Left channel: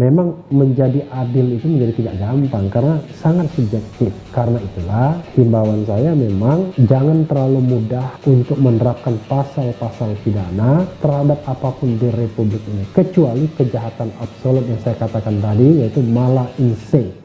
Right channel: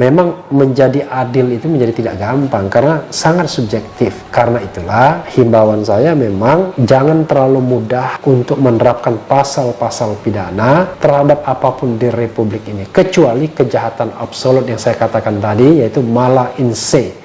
memang menjadi adil itu menjadi tidak gampang karena sangat subjektif. Karena itulah himbauan saya memang jangan terlalu mudah untuk menerapkan pasal-pasal pidana terhadap apapun di Republik ini, kecuali kejahatan absolut yang saya katakan tadi, yaitu mala in se.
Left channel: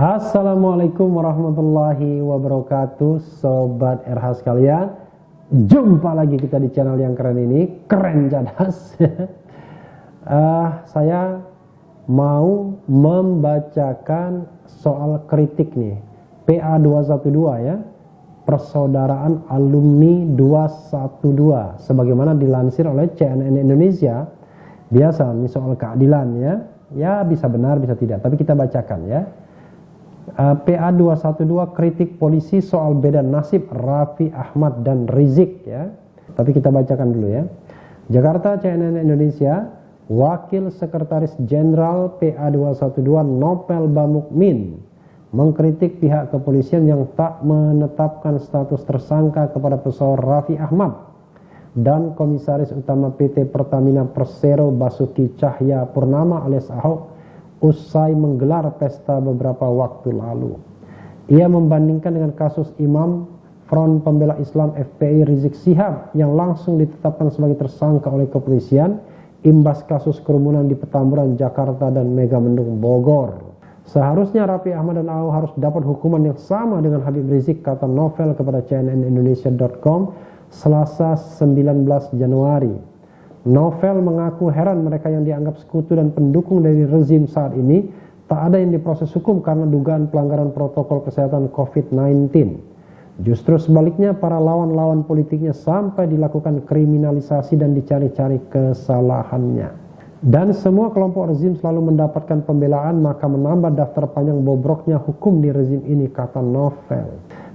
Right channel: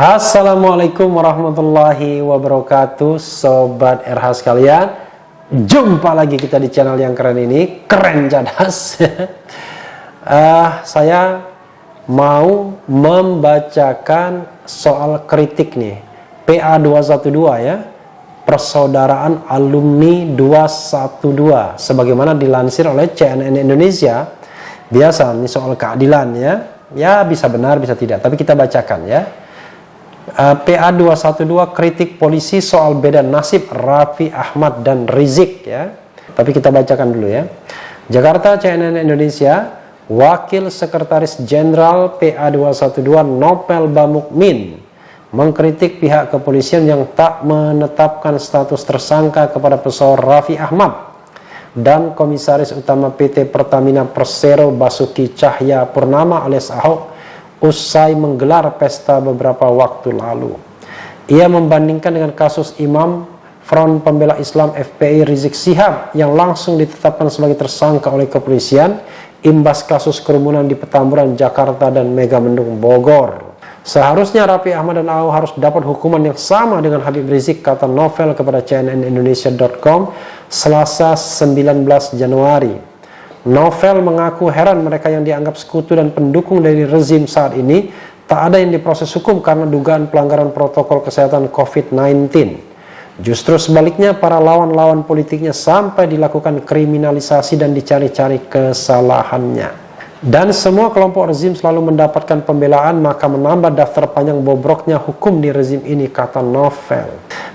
Assalamualaikum warahmatullahi wabarakatuh, Sobat RH sekalian. Jumpa lagi kita di channel yang keren ini, Keren Cadas. Saya mau membacakan soal kritik nih, PA 212 ya, Persaudaraan Alumni 212, sebagaimana dilansir oleh CNN Indonesia. Biasa nih soal keadilan ya bisa benar bisa tidak, tapi kita bacakan ya. PA 212 kritik polisi soal beda nasib Raffi Ahmad dan Rizik ya. Tapi kita bacakan dulu ya. Jakarta, CNN Indonesia. Wakil Sekretaris Jenderal PA 212 Nopel Bamukmin mengkritik pihak kepolisian yang tak menetapkan status tersangka kepada pesohor Raffi Ahmad dan Komisaris Utama PT Pertamina Persero Basuki Cahaya Purnama alias Ahok usai menggelar pesta beberapa waktu lalu. Ia membandingkan dengan kasus Imam Front Pembela Islam FPI Rizik Syihab yang langsung ditetapkan sebagai tersangka oleh kepolisian imbas kasus kerumunan di Petamburan, Jakarta dan Megamendung, Bogor. Seharusnya Raffi Ahmad dan Ahok harus dapat hukuman yang sama dengan Habib Rizik, kata Novel kepada cnnindonesia.com Selasa 19 Januari. Novel mengaku heran mereka yang dianggap sekutu dan pendukung dari rezim saat ini tak ada yang diproses hukum karena dugaan pelanggaran protokol kesehatan COVID-19. Justru sebaliknya, para lawan-lawan politiknya sampai dilakukan kriminalisasi dan dicari-cari kesalahannya. Dan semua kelompok rezim selalu mendapatkan pembelaan, maka menambah daftar panjang bobroknya hukum di rezim ini, kata Novel.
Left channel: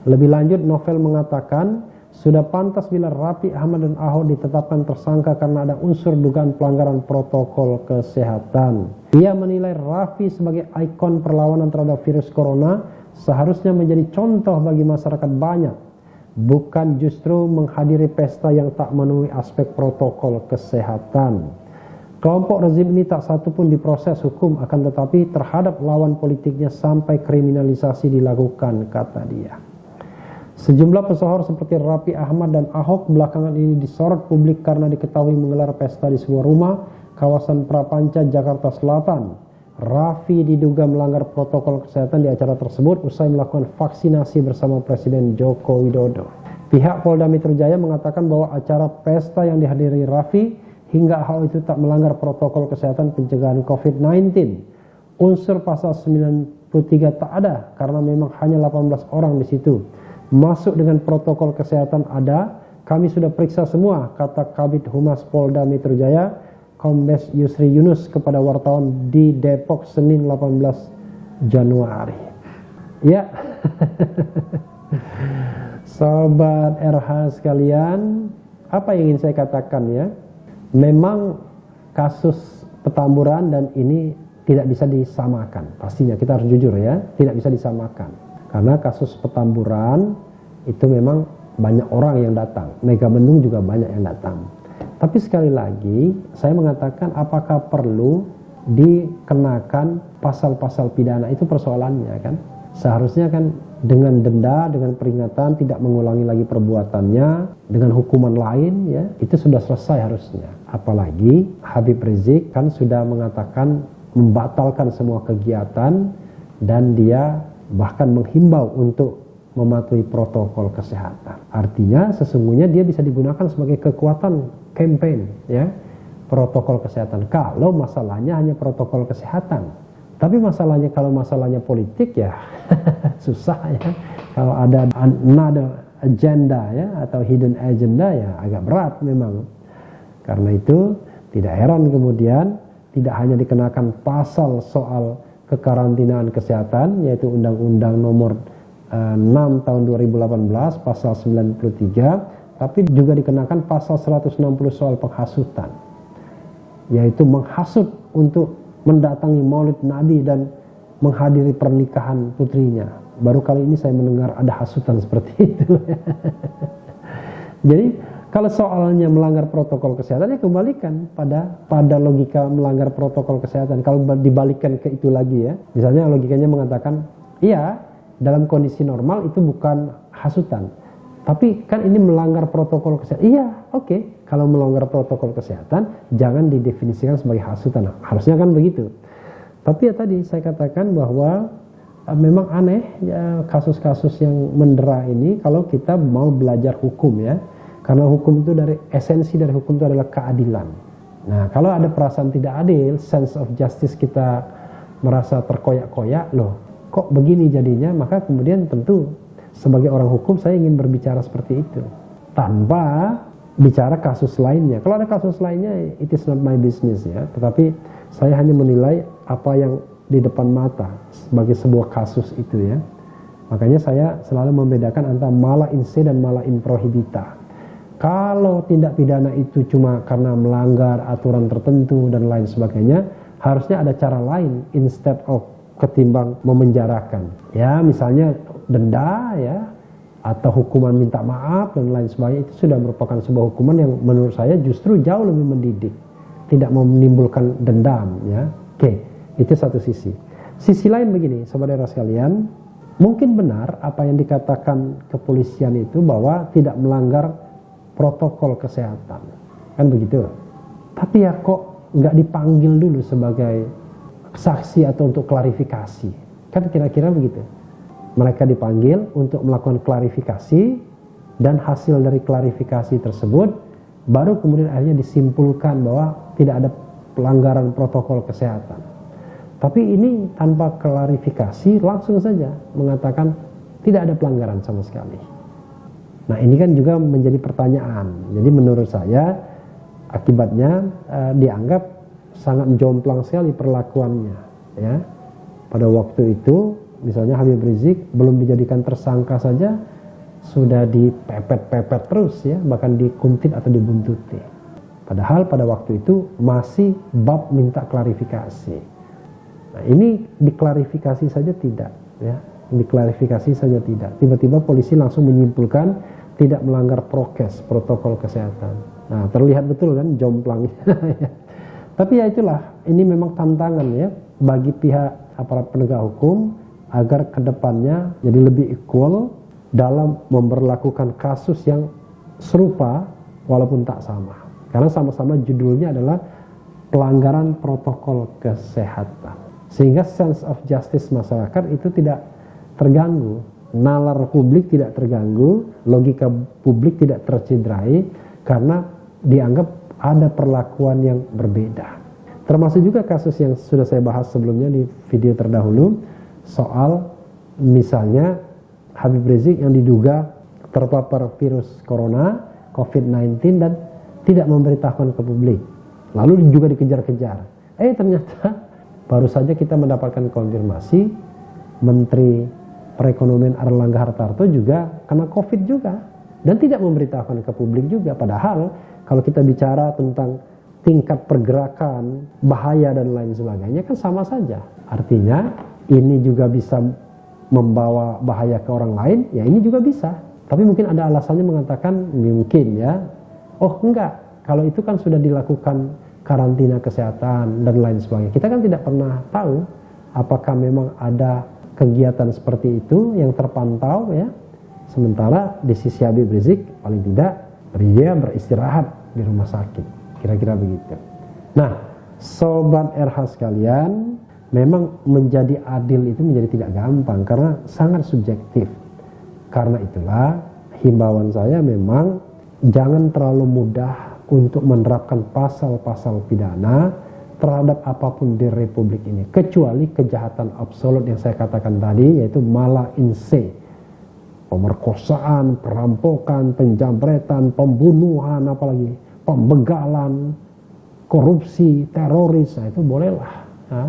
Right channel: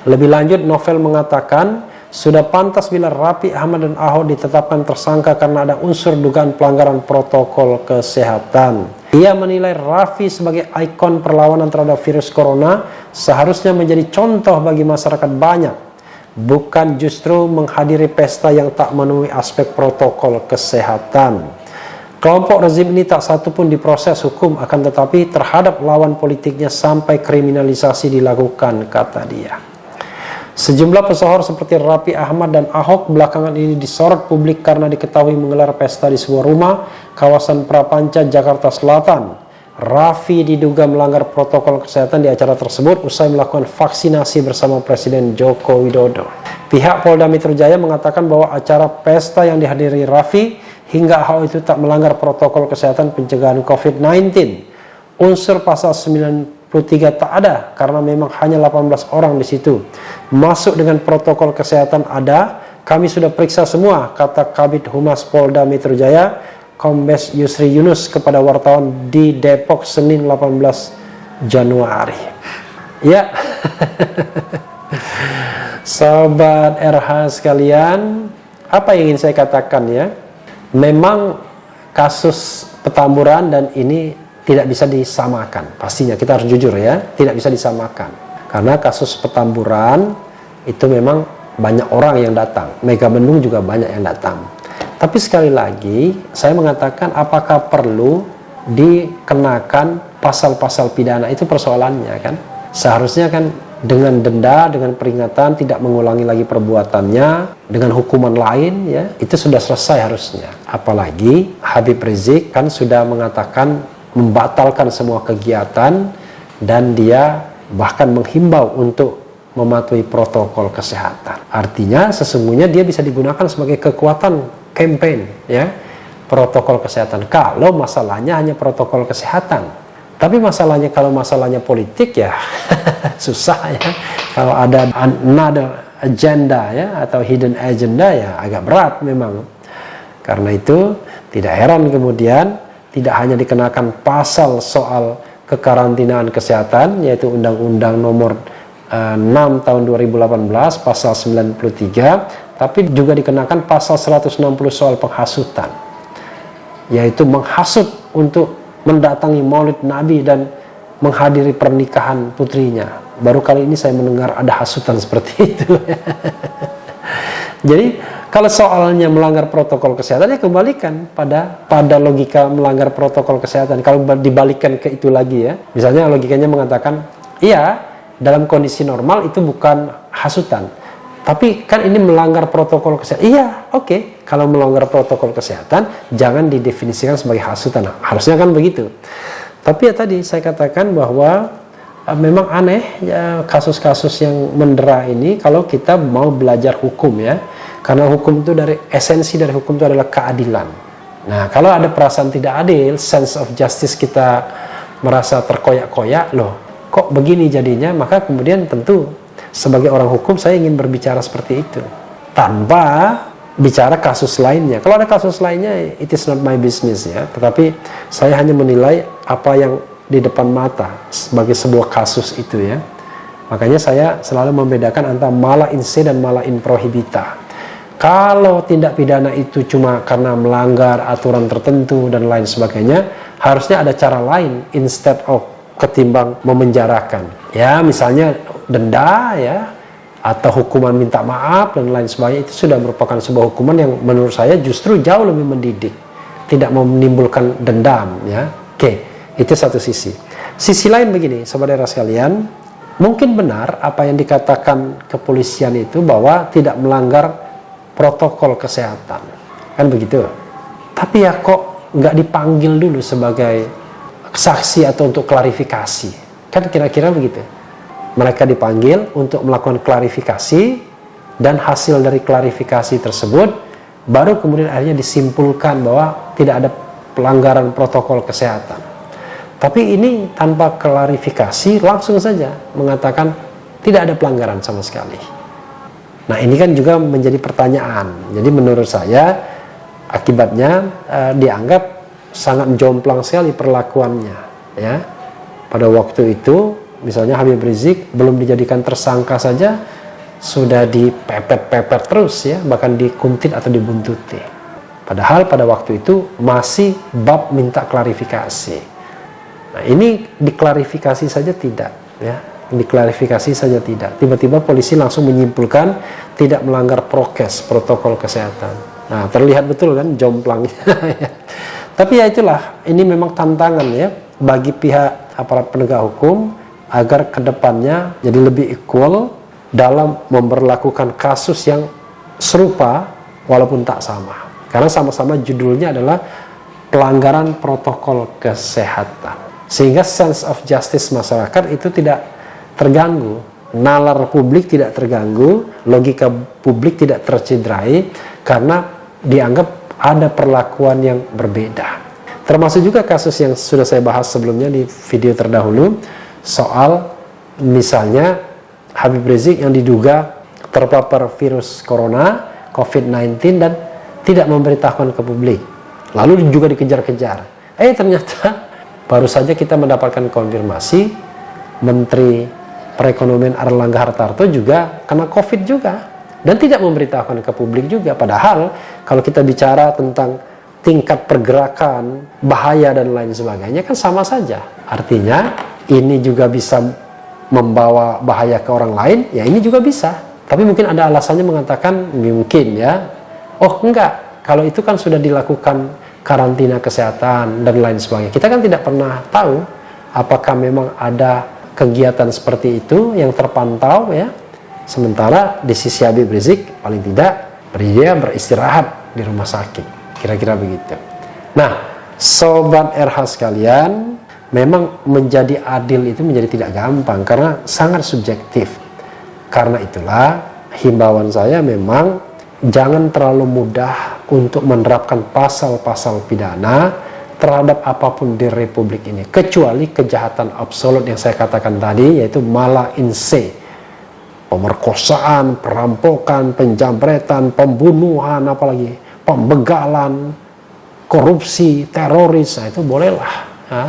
Lebih lanjut, Novel mengatakan sudah pantas bila Raffi Ahmad dan Ahok ditetapkan tersangka karena ada unsur dugaan pelanggaran protokol kesehatan. Ia menilai Raffi sebagai ikon perlawanan terhadap virus corona seharusnya menjadi contoh bagi masyarakat banyak, bukan justru menghadiri pesta yang tak memenuhi aspek protokol kesehatan. Kelompok rezim ini tak satu pun diproses hukum, akan tetapi terhadap lawan politiknya sampai kriminalisasi dilakukan, kata dia. Sejumlah pesohor seperti Raffi Ahmad dan Ahok belakangan ini disorot publik karena diketahui menggelar pesta di sebuah rumah kawasan Prapanca, Jakarta Selatan. Raffi diduga melanggar protokol kesehatan di acara tersebut usai melakukan vaksinasi bersama Presiden Joko Widodo. Pihak Polda Metro Jaya mengatakan bahwa acara pesta yang dihadiri Raffi hingga Ahok itu tak melanggar protokol kesehatan pencegahan COVID-19. Unsur pasal 93 tak ada karena memang hanya 18 orang di situ. Masuk dengan protokol kesehatan ada, kami sudah periksa semua, kata Kabid Humas Polda Metro Jaya Kombes Yusri Yunus kepada wartawan di Depok Senin 18 Januari. Ya. Sobat RH sekalian, apa yang ingin saya katakan ya? Memang kasus Petamburan dan ini tidak bisa disamakan. Pastinya kita harus jujur ya, tidak bisa disamakan. Karena kasus Petamburan itu memang banyak orang yang datang, Megamendung juga banyak yang datang. Tapi sekali lagi saya mengatakan apakah perlu dikenakan pasal-pasal pidana, itu persoalannya kan. Seharusnya kan dengan denda, dengan peringatan tidak mengulangi lagi perbuatannya, dengan hukuman lain ya, itu sudah selesai harusnya. Apalagi Habib Rizik kan sudah mengatakan membatalkan semua kegiatan dan dia bahkan menghimbau untuk mematuhi protokol kesehatan. Artinya sesungguhnya dia bisa digunakan sebagai kekuatan campaign ya, protokol kesehatan. Kalau masalahnya hanya protokol kesehatan. Tapi masalahnya kalau masalahnya politik ya susah ya. Kalau ada another agenda ya atau hidden agenda ya agak berat memang. Karena itu tidak heran kemudian tidak hanya dikenakan pasal soal kekarantinaan kesehatan, yaitu Undang-Undang Nomor 6 tahun 2018 pasal 93, tapi juga dikenakan pasal 160 soal penghasutan, yaitu menghasut untuk mendatangi Maulid Nabi dan menghadiri pernikahan putrinya. Baru kali ini saya mendengar ada hasutan seperti itu. Jadi kalau soalnya melanggar protokol kesehatan, ya kembalikan pada logika melanggar protokol kesehatan. Kalau dibalikkan ke itu lagi ya, misalnya logikanya mengatakan, iya dalam kondisi normal itu bukan hasutan, tapi kan ini melanggar protokol kesehatan. Iya, oke. Kalau melanggar protokol kesehatan, jangan didefinisikan sebagai hasutan. Nah, harusnya kan begitu. Tapi ya tadi saya katakan bahwa memang aneh ya, kasus-kasus yang mendera ini kalau kita mau belajar hukum ya. Karena hukum itu esensi dari hukum itu adalah keadilan. Nah, kalau ada perasaan tidak adil, sense of justice kita merasa terkoyak-koyak, loh kok begini jadinya, maka kemudian tentu sebagai orang hukum saya ingin berbicara seperti itu tanpa bicara kasus lainnya. Kalau ada kasus lainnya, it is not my business ya, tetapi saya hanya menilai apa yang di depan mata sebagai sebuah kasus itu ya. Makanya saya selalu membedakan antara mala in se dan mala in prohibita. Kalau tindak pidana itu cuma karena melanggar aturan tertentu dan lain sebagainya, harusnya ada cara lain instead of ketimbang memenjarakan. Ya, misalnya denda ya, atau hukuman minta maaf dan lain sebagainya, itu sudah merupakan sebuah hukuman yang menurut saya justru jauh lebih mendidik, tidak menimbulkan dendam ya. Oke, itu satu sisi. Sisi lain begini, saudara sekalian, mungkin benar apa yang dikatakan kepolisian itu bahwa tidak melanggar protokol kesehatan, kan begitu. Tapi ya kok nggak dipanggil dulu sebagai saksi atau untuk klarifikasi, kan kira-kira begitu. Mereka dipanggil untuk melakukan klarifikasi, dan hasil dari klarifikasi tersebut baru kemudian akhirnya disimpulkan bahwa tidak ada pelanggaran protokol kesehatan. Tapi ini tanpa klarifikasi, langsung saja mengatakan tidak ada pelanggaran sama sekali. Nah, ini kan juga menjadi pertanyaan. Jadi menurut saya akibatnya dianggap sangat jomplang sekali perlakuannya ya. Pada waktu itu misalnya Habib Rizik belum dijadikan tersangka saja sudah dipepet-pepet terus ya, bahkan dikuntit atau dibuntuti. Padahal pada waktu itu masih bab minta klarifikasi. Nah, ini diklarifikasi saja tidak ya, diklarifikasi saja tidak. Tiba-tiba polisi langsung menyimpulkan tidak melanggar prokes, protokol kesehatan. Nah, terlihat betul kan jomplangnya. Tapi ya itulah, ini memang tantangan ya bagi pihak aparat penegak hukum agar kedepannya jadi lebih equal dalam memperlakukan kasus yang serupa walaupun tak sama. Karena sama-sama judulnya adalah pelanggaran protokol kesehatan. Sehingga sense of justice masyarakat itu tidak terganggu, nalar publik tidak terganggu, logika publik tidak tercederai karena dianggap ada perlakuan yang berbeda. Termasuk juga kasus yang sudah saya bahas sebelumnya di video terdahulu soal misalnya Habib Rizik yang diduga terpapar virus corona COVID-19 dan tidak memberitahukan ke publik, lalu juga dikejar-kejar. Ternyata baru saja kita mendapatkan konfirmasi Menteri Perekonomian Airlangga Hartarto juga kena COVID juga dan tidak memberitahukan ke publik juga. Padahal kalau kita bicara tentang tingkat pergerakan, bahaya dan lain sebagainya kan sama saja. Artinya ini juga bisa membawa bahaya ke orang lain, ya ini juga bisa. Tapi mungkin ada alasannya mengatakan mungkin ya, oh enggak, kalau itu kan sudah dilakukan karantina kesehatan dan lain sebagainya. Kita kan tidak pernah tahu apakah memang ada kegiatan seperti itu yang terpantau ya. Sementara di sisi Habib Rizik paling tidak dia beristirahat di rumah sakit. Kira-kira begitu. Nah, Sobat RH sekalian, memang menjadi adil itu menjadi tidak gampang karena sangat subjektif. Karena itulah himbauan saya memang jangan terlalu mudah untuk menerapkan pasal-pasal pidana terhadap apapun di Republik ini. Kecuali kejahatan absolut yang saya katakan tadi, yaitu mala in se. Pemerkosaan, perampokan, penjamretan, pembunuhan, apalagi pembegalan, korupsi, teroris, nah itu bolehlah.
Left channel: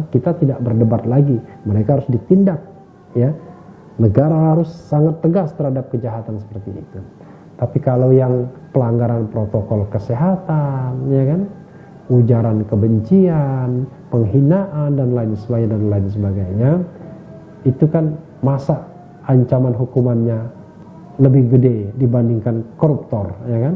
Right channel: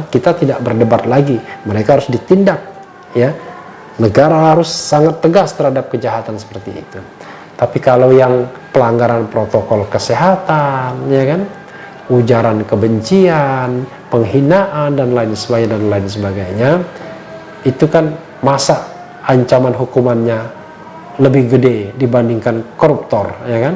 kita tidak berdebat lagi, mereka harus ditindak, ya. Negara harus sangat tegas terhadap kejahatan seperti itu. Tapi kalau yang pelanggaran protokol kesehatan, ya kan, ujaran kebencian, penghinaan dan lain sebagainya, itu kan masa ancaman hukumannya lebih gede dibandingkan koruptor, ya kan?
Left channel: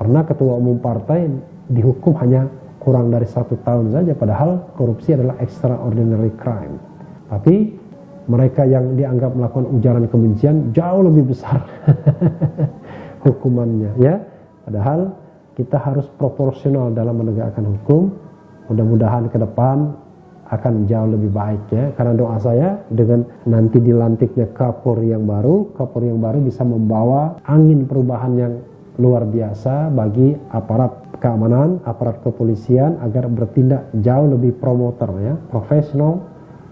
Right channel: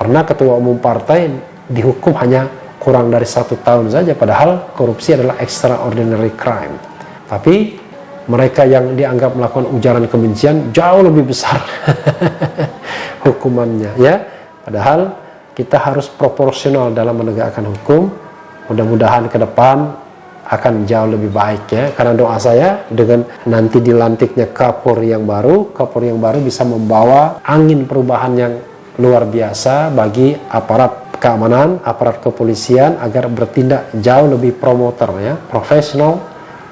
Pernah ketua umum partai dihukum hanya kurang dari 1 tahun saja, padahal korupsi adalah extraordinary crime. Tapi mereka yang dianggap melakukan ujaran kebencian jauh lebih besar hukumannya, ya. Padahal kita harus proporsional dalam menegakkan hukum. Mudah-mudahan ke depan akan jauh lebih baik, ya. Karena doa saya dengan nanti dilantiknya Kapolri yang baru bisa membawa angin perubahan yang luar biasa bagi aparat keamanan, aparat kepolisian agar bertindak jauh lebih promoter, ya, profesional,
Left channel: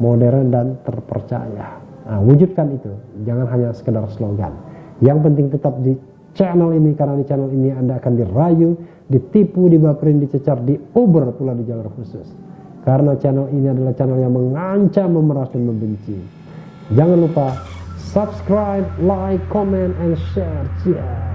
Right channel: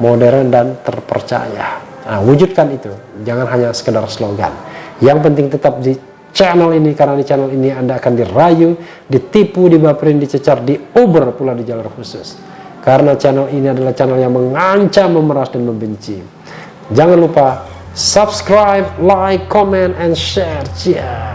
modern dan terpercaya. Nah, wujudkan itu, jangan hanya sekedar slogan. Yang penting tetap di channel ini, karena di channel ini Anda akan dirayu, ditipu, dibaperin, dicecar, diuber pula di jalur khusus. Karena channel ini adalah channel yang mengancam, memeras dan membenci. Jangan lupa subscribe, like, comment, and share. Ciao.